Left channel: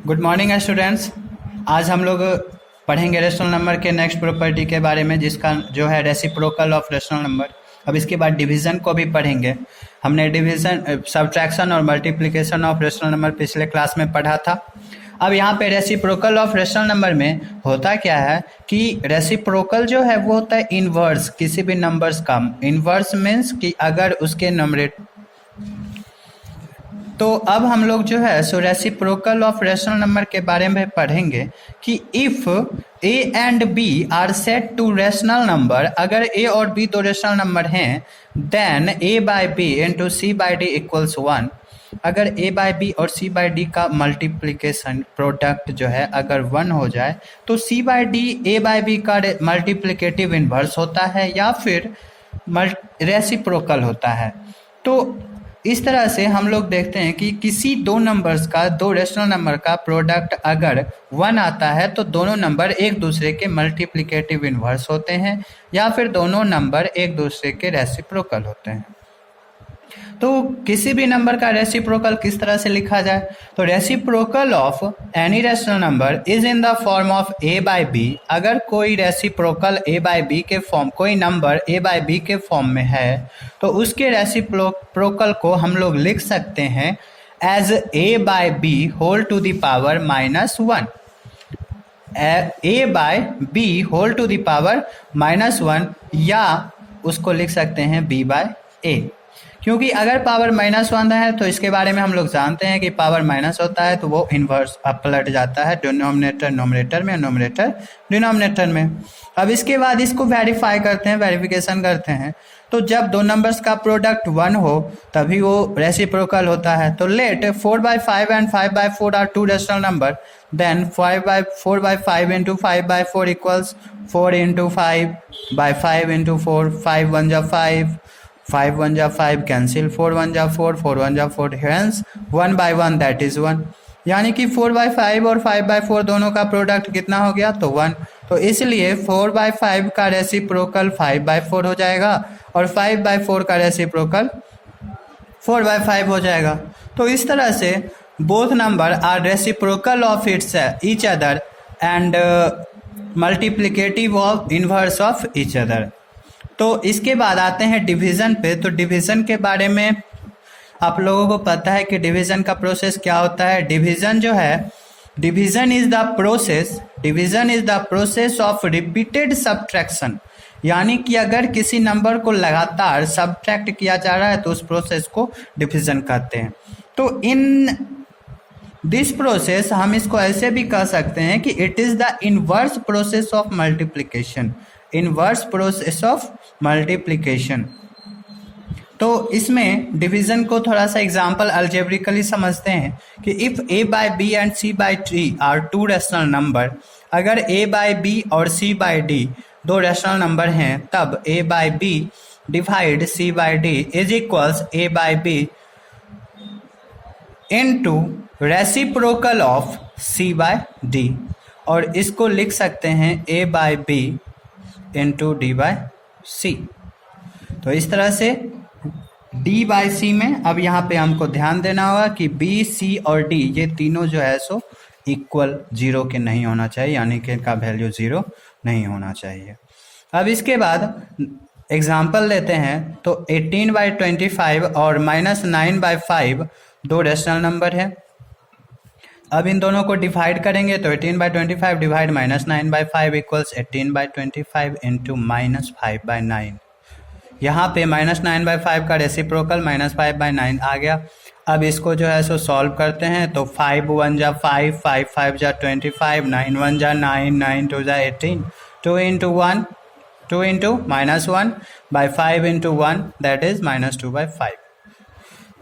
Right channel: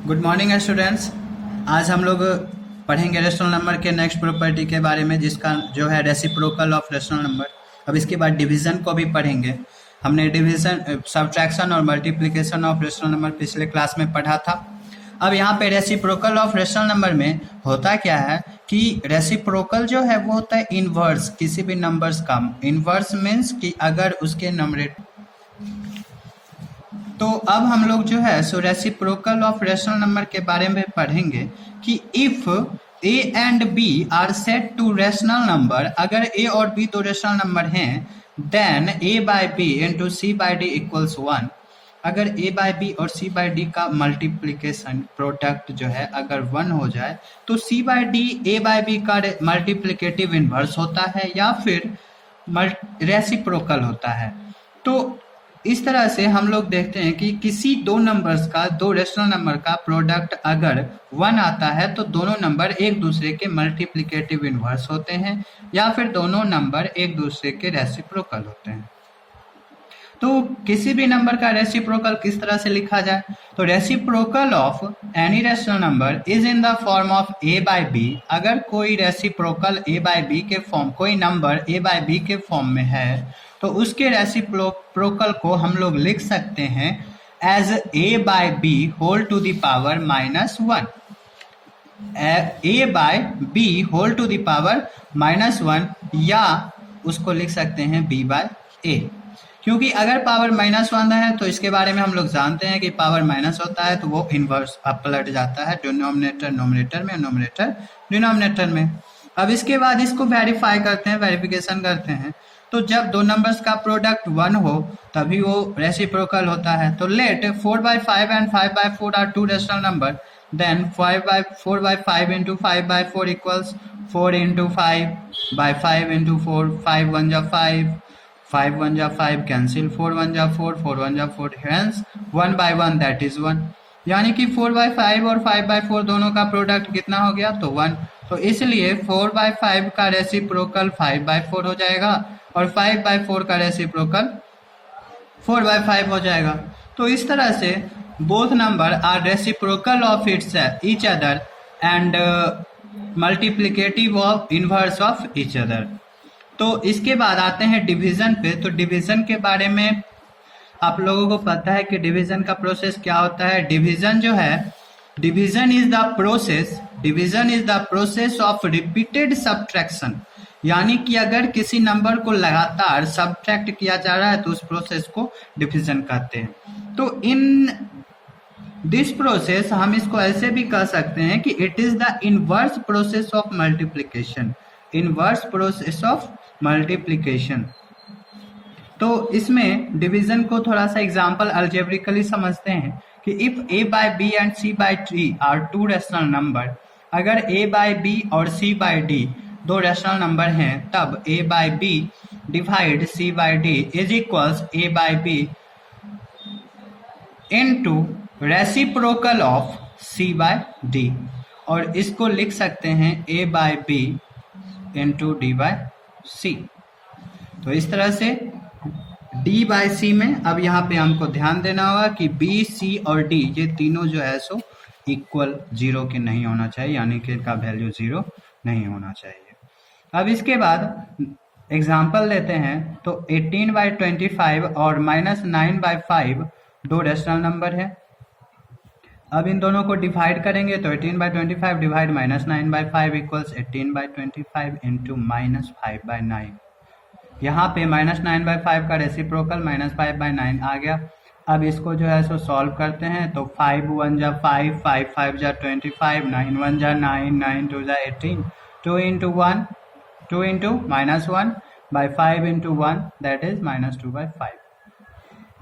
Good morning students. आज हम लोग पढ़ेंगे रेशनल नंबर के नेक्स्ट प्रॉपर्टी के बारे में, जिसका जो है रेसिप्रोकल ऑफ रेशनल नंबर। अब इसके बाद डिवीज़न को भी पढ़ेंगे। हमने डिवीज़न, सब्ट्रैक्शन और मल्टीप्लिकेशन ऑफ रेशनल नंबर पिछले क्लास में पढ़ा था। अब यहाँ पे रेसिप्रोकल ऑफ रेशनल नंबर में होता क्या है कि रेसिप्रोकल जो है वो होता है इनवर्स किसी भी नंबर्स का। इनवर्स मीन्स कि अगर उसके नंबरेटर, तो अब हम लोग जो है सो रेसिप्रोकल ऑफ रेशनल नंबर के बारे में पढ़ेंगे कि if A and B are set to rational number, अगर ए और बी दो रेशनल नंबर हैं, then A by B into C by D equals 1। अगर ए बाय बी और सी बाय डी का मल्टीप्लिकेशन प्रोडक्ट जो है अगर 1 हो जाए तो C by D A by B का मल्टीप्लिकेटिव इन्वर्स होता है या फिर रेसिप्रोकल होता है। तो इस तरह से हम लोग देखते हैं कि किसी दो नंबर्स का, दो रेशनल नंबर का प्रोडक्ट अगर 1 आता है तो दोनों नंबर एक दूसरे के मल्टीप्लिकेटिव इन्वर्स होते हैं या फिर दोनों नंबर एक दूसरे के रेसिप्रोकल होते हैं। तो किसी भी नंबर का रेसिप्रोकल किस तरह से लिखा जाए, तो reciprocal of any rational number is in the form of a by b. अगर कोई रेसिप्रोकल ए बाय बी के फॉर्म, कोई नंबर ए बाय बी के फॉर्म में है तो उसके रेसिप्रोकल को हम लोग लिख सकते हैं as a by b whole to the power -1। A by b whole to the power -1, या उसको लिख सकते हैं बी बाय ए, क्योंकि अगर पावर -1 है तो इसके बारे में हम लोग जानते हैं कि पावर माइनस होता है तो वो इन्वर्स पलट जाता है, डिनोमिनेटर नोमिनेटर में, नोमिनेटर डिनोमिनेटर में। अब इसके बाद इसको वेरीफाई करते हैं, वेरिफिकेशन करते हैं। तो जब दो नंबर्स का प्रोडक्ट 1 हो तभी वो रेसिप्रोकल होता है। तो let 4/5 and 5/4 are two rational number, then 4/5 into 5/4 equals 4 into 5/5 into 4, 5 1 जा 5, 5 1 जा 5, कैंसिल 4 1 जा 4, 4 1 जा 4, हेंस 1/1 दैट इज 1। यानी कि 4/5 और 5/4 दोनों का प्रोडक्ट कितना हो गया, तो 1। तो इसलिए 4/5 का रेसिप्रोकल 5/4 हो जाएगा और 5/4 का रेसिप्रोकल 4/5 हो जाएगा। तो इस तरह से both number are reciprocal of each other and multiplicative of inverse of each other. तो इसके बाद आते हैं डिवीज़न पे। तो डिवीज़न के बारे में आप लोगों को पता है कि डिवीज़न का प्रोसेस क्या होता है। डिवीज़न जो है, division is the process of repeated subtraction. यानी कि अगर किसी नंबर को लगातार सब्ट्रैक्ट किया जा रहा है तो उस प्रोसेस को डिवीज़न कहते हैं। तो इन दिस प्रोसेस हम इसको ऐसे भी कह सकते हैं कि it is the inverse process of multiplication, inverse process of multiplication. तो इसमें डिवीज़न को थोड़ा सा एग्जांपल अल्जेब्रिकली समझते हैं कि if A by B and C by D are two rational number, अगर ए बाय बी और सी बाय डी दो रेशनल नंबर हैं तब A by B divide C by D is equals A by B into reciprocal of C by D, और इसको लिख सकते हैं A by B into D by C. तो इस तरह से डी बाय सी में अब यहाँ पे हमको ध्यान देना होगा कि बी, सी और डी ये तीनों जो है सो इक्वल 0 के नहीं होना चाहिए, यानी कि इनका वैल्यू 0 नहीं होना चाहिए। अब इसके बाद एग्जाम्पल लेते हैं। तो 18/25 और -9/5 दो रेशनल नंबर है। अब इन दोनों को डिवाइड करेंगे तो 18/25 डिवाइड -9/5 इक्वल्स 18/25 इंटू -5/9। यहाँ पे -9/5 का रेसिप्रोकल -5/9 आ गया। अब इसको जो है सो सॉल्व करते हैं तो 5 1 जा 5, 5 5 जा 25, 9 1 जा 9, 9 2 जा 18, 2 into 1, 2 into -1/5 into 1 that is -2/5।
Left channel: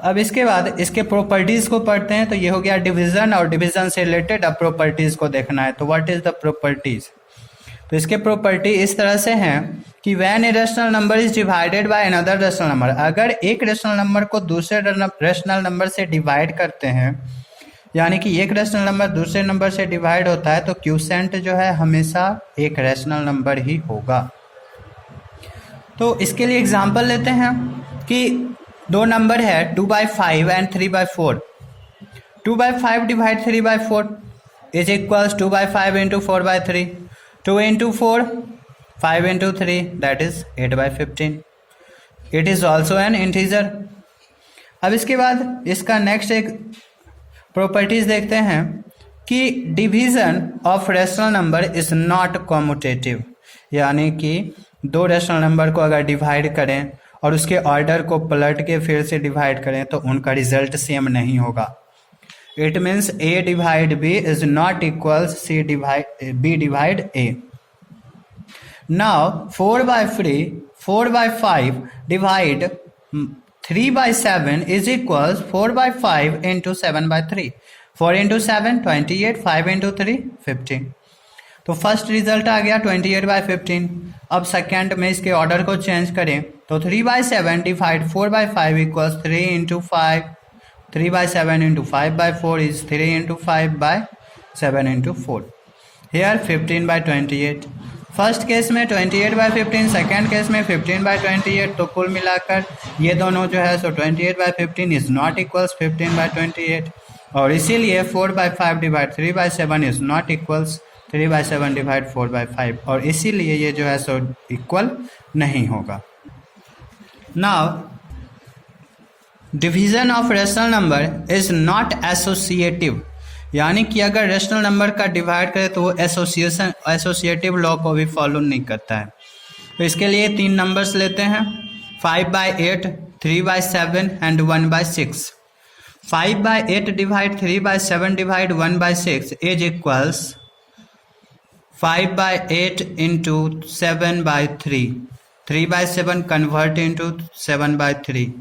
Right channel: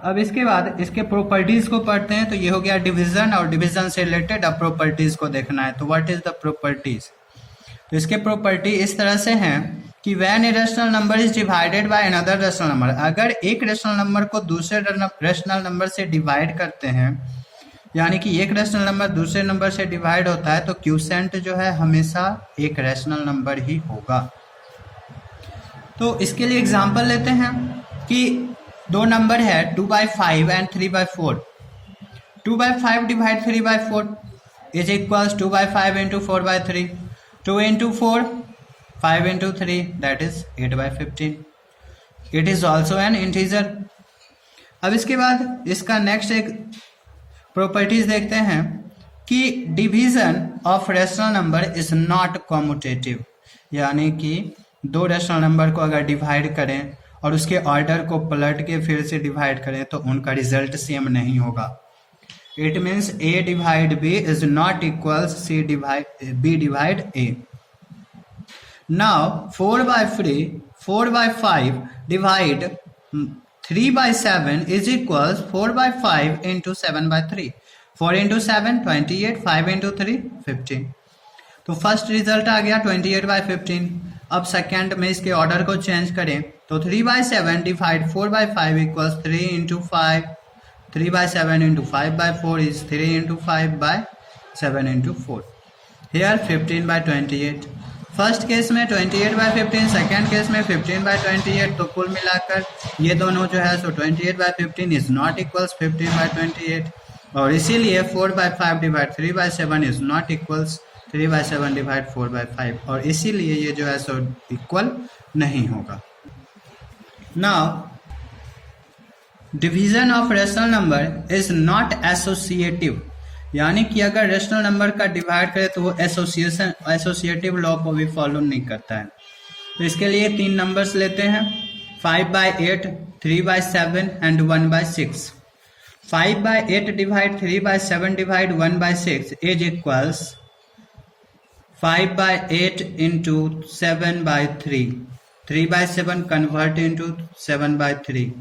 अब इसके बाद इसके प्रॉपर्टीज़ को पढ़ते हैं। तो ये हो गया डिवीज़न, और डिवीज़न से रिलेटेड अब प्रॉपर्टीज़ को देखना है। तो व्हाट इज़ द प्रॉपर्टीज़, तो इसके प्रॉपर्टी इस तरह से हैं कि when a rational number is divided by another rational number, अगर एक रेशनल नंबर को दूसरे रेशनल नंबर से डिवाइड करते हैं, यानी कि एक रेशनल नंबर दूसरे नंबर से डिवाइड होता है तो क्यूसेंट जो है हमेशा एक रेशनल नंबर ही होगा। तो इसके लिए एग्जांपल लेते हैं कि दो नंबर है 2/5 and 3/4। 2/5 divide 3/4 is equals 2/5 into 4/3, 2 into 4 5 into 3 that is 8/15. It is also an integer. अब इसके बाद इसका नेक्स्ट एक प्रॉपर्टीज देखते हैं कि division of rational number is not commutative, यानी कि दो रेशनल नंबर को अगर डिवाइड करें और उसके ऑर्डर को पलट के फिर से डिवाइड करें तो उनका रिजल्ट सेम नहीं होगा. It means a divide b is not equals c divide b divide a. Now 4/5 divide 3/7 is equals 4/5 into 7/3. 4 into 7 28, 5 into 3 15. तो फर्स्ट रिजल्ट आ गया 28/15. अब सेकेंड में इसके ऑर्डर को चेंज करें तो 3/7 divide 4/5 equals 3 into 5. 3/7 into 5/4 is 3 into 5/7 into 4. Here 15/28. First case में 28/15, second case में 15/28. तो कुल मिलाकर ये दोनों जो है सो 28/15 इज नॉट इक्वल्स 15/28 और इसीलिए 4/5 divide 3/7 is not equals 3/7 divide 4/5 और इसीलिए ये जो है सो इक्वल नहीं होगा. Now division of rational number is not associative, यानी कि अगर रेशनल नंबर का डिवाइड करें तो वो एसोसिएटिव लॉ को भी फॉलो नहीं करता है. तो इसके लिए 3 नंबर्स लेते हैं 5/8, 3/7 and 1/6. 5/8 divide 3/7 divide 1/6 is equals 5/8 into 7/3. 3/7 convert into 7/3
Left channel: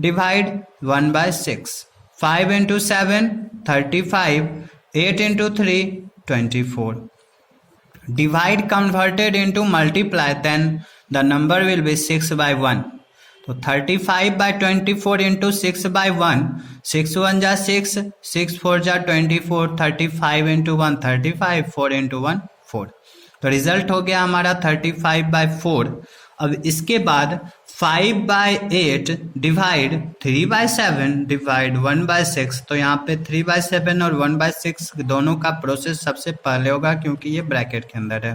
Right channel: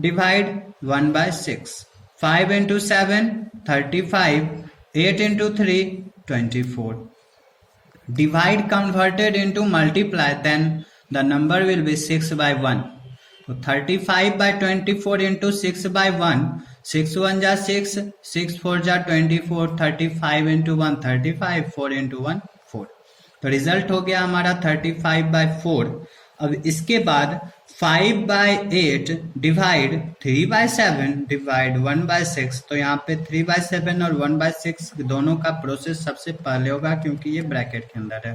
divide 1/6. 5 into 7 35, 8 into 3 24. Divide converted into multiply, then the number will be 6/1. So 35/24 into 6/1, 6 1 जा 6, 6 4 जा 24, 35 into 1 35, 4 into 1 4. तो रिजल्ट हो गया हमारा 35/4. अब इसके बाद 5/8 डिवाइड 3/7 डिवाइड 1/6. तो यहाँ पे 3/7 और 1/6 दोनों का प्रोसेस सबसे पहले होगा क्योंकि ये ब्रैकेट के अंदर है.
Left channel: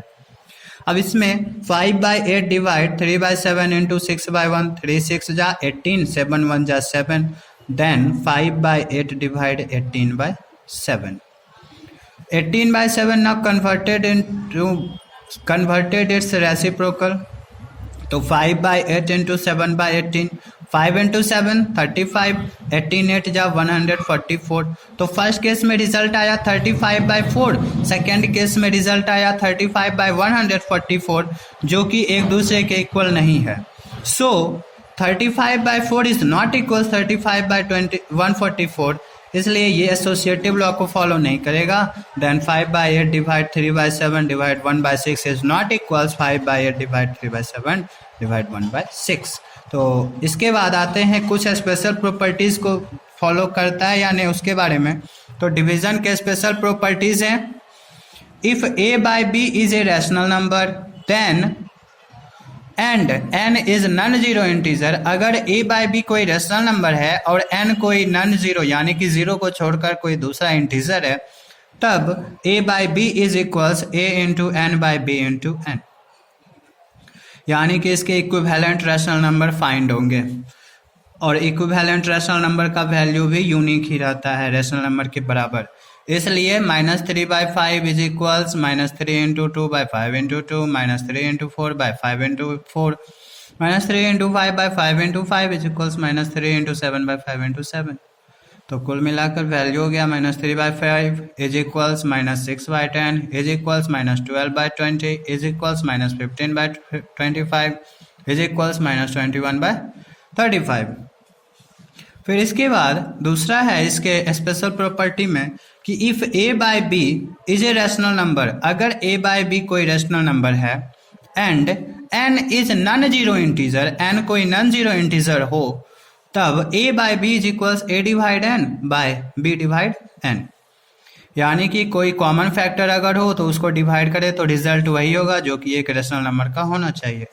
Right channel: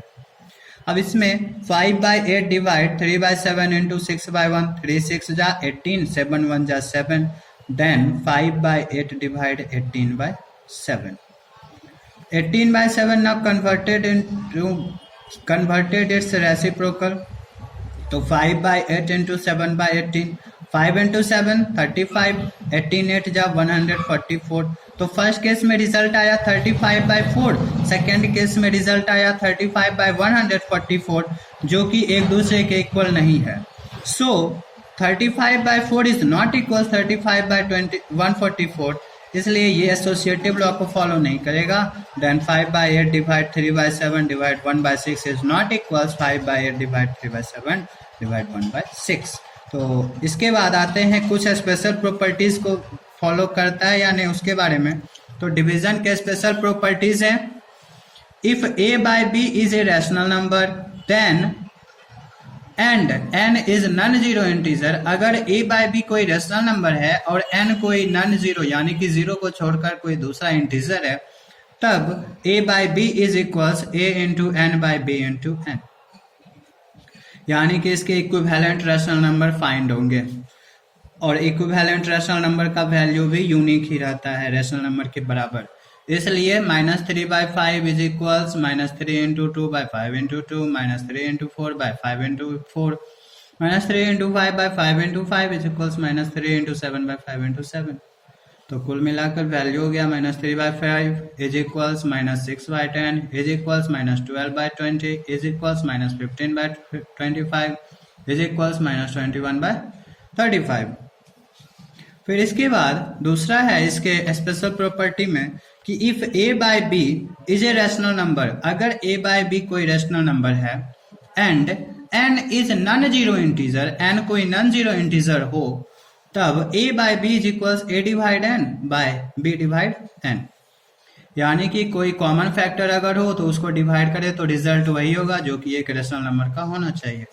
अब इसमें 5/8 डिवाइड 3/7 इंटू 6/1, 3 6 जा 18, 7 1 जा 7, then 5/8 divide 18/7. 18/7 now converted its reciprocal. तो 5/8 इंटू 7/18, 5 इंटू 7 35, 18 8 जा 144. तो फर्स्ट केस में रिजल्ट आया 35/4, सेकेंड केस में रिजल्ट आया 35/144 जो कि एक दूसरे के इक्वल नहीं है. सो 35/4 इज नॉट इक्वल 35/144, इसलिए ये एसोसिएटिव लॉ को फॉलो नहीं करेगा. Then 5/8 divide 3/7 divide 1/6 is not equals 5/8 divide 3/7 divide 1/6. तो इसके बाद आते हैं कुछ स्पेशल प्रॉपर्टीज को फॉलो करता है या नहीं उसके बारे में. तो डिवीजन के स्पेशल प्रॉपर्टीज हैं. If a/b is a rational number then and n is non zero integer. अगर a/b कोई रैशनल नंबर है और n कोई नॉन जीरो यानी कि जीरो को छोड़कर कोई दूसरा इंटीजर है तब a/b is equals a into n by b into n, यानी कि इसके इक्विवेलेंट रैशनल नंबर फाइंड होंगे और इक्विवेलेंट रैशनल नंबर का वैल्यू भी यूनिक ही रहता है रैशनल नंबर के बराबर. इसलिए -3/5 is equals -3 into 2/5 into 2, -3 into 4/5 into 4, -3 into 5/5 into 5 is equals -3 into 7/5 into 7. तो कुल मिलाकर वैल्यू हो गया -3/5 is equals -6/10 is equals -12/20 is equals -15/25 is equals -21/35. फिर इसके बाद दूसरा है इसके स्पेशल प्रॉपर्टी में कि if a/b is a rational number. अगर a/b कोई रैशनल नंबर है and n is non zero integer, n कोई नॉन जीरो इंटीजर हो तब a/b is equals a divide n by b divide n, यानी कि कोई कॉमन फैक्टर अगर हो तो उसको डिवाइड करे तो रिजल्ट वही होगा जो कि एक रैशनल नंबर का होना चाहिए.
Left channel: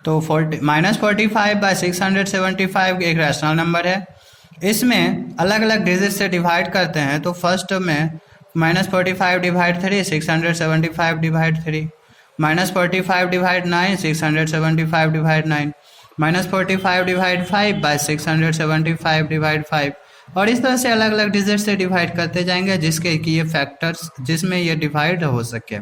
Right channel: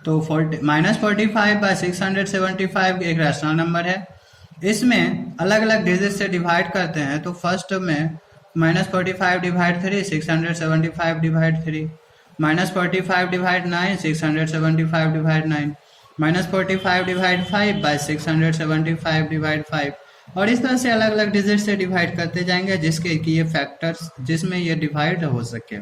तो -45/675 एक रैशनल नंबर है इसमें अलग अलग डिजिट से डिवाइड करते हैं। तो फर्स्ट में -45 divide 3 675 divide 3, -45 divide 9 675 divide 9, -45 divide 5 by 675 divide 5, और इस तरह से अलग अलग डिजिट से डिवाइड करते जाएंगे जिसके कि ये फैक्टर्स जिसमें ये डिवाइड हो सके।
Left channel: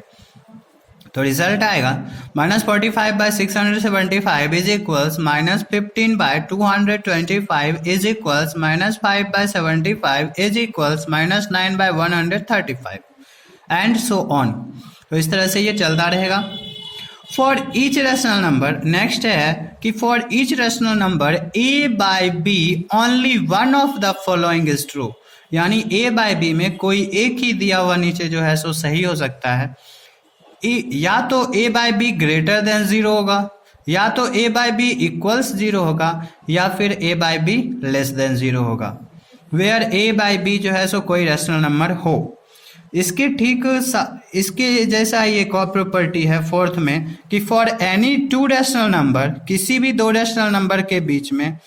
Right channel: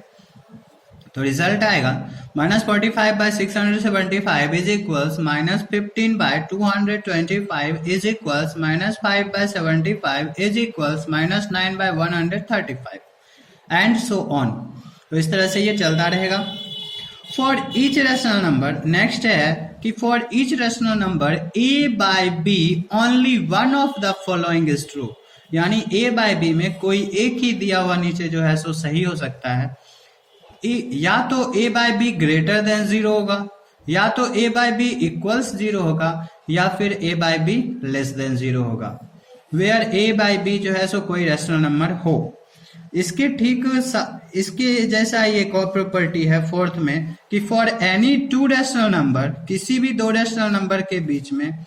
तो रिजल्ट आएगा -45 by 675 is equals -15 by 225 is equals -5 by 75 is equals -9 by 135 and so on. तो इस तरह से ये चलता रहेगा for each rational number. Next है कि for each rational number a by b only one of the following is true, यानी a बाय b में कोई एक ही दिया हुआ नीचे जो है सो सही हो सकता है। या तो a by b greater than 0 होगा, या तो a बाय बी इक्वल्स 0 होगा, या फिर a by b less than 0 होगा। वेयर a बाय बी जो है सो कोई रेशनल नंबर हो। इसके ठीक इसके जैसा एक और प्रॉपर्टी है फोर्थ में कि for any two rational number, किसी भी दो रेशनल नंबर के बीच में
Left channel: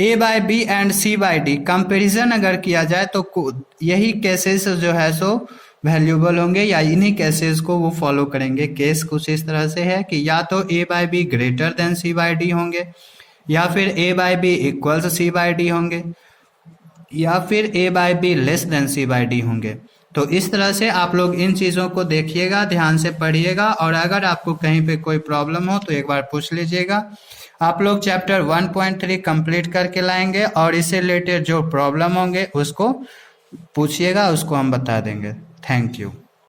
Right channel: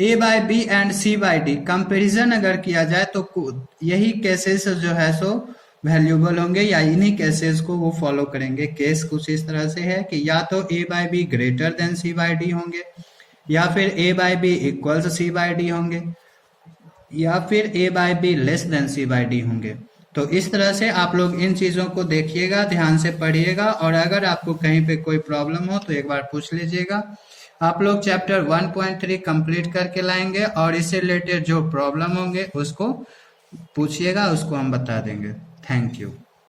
a by B and c by d comparison अगर किया जाए तो यही केसेस जो है सो वैल्यूएबल होंगे, या इन्हीं केसेस को वो फॉलो करेंगे। केस कुछ इस तरह से है कि या तो a by b greater than c by d होंगे, या फिर a by b equals c by d होंगे, या फिर a by b less than c by d होंगे। तो इस तरह से आप लोग इन चीज़ों को देखिएगा, ध्यान से पढ़िएगा, और अगर आपको कहीं पे कोई प्रॉब्लम हो तो एक बार पूछ लीजिएगा। आप लोग चैप्टर 1.3 कंप्लीट करके लाएंगे और इससे रिलेटेड जो प्रॉब्लम होंगे उसको पूछिएगा, उसको हम बता देंगे। Thank you.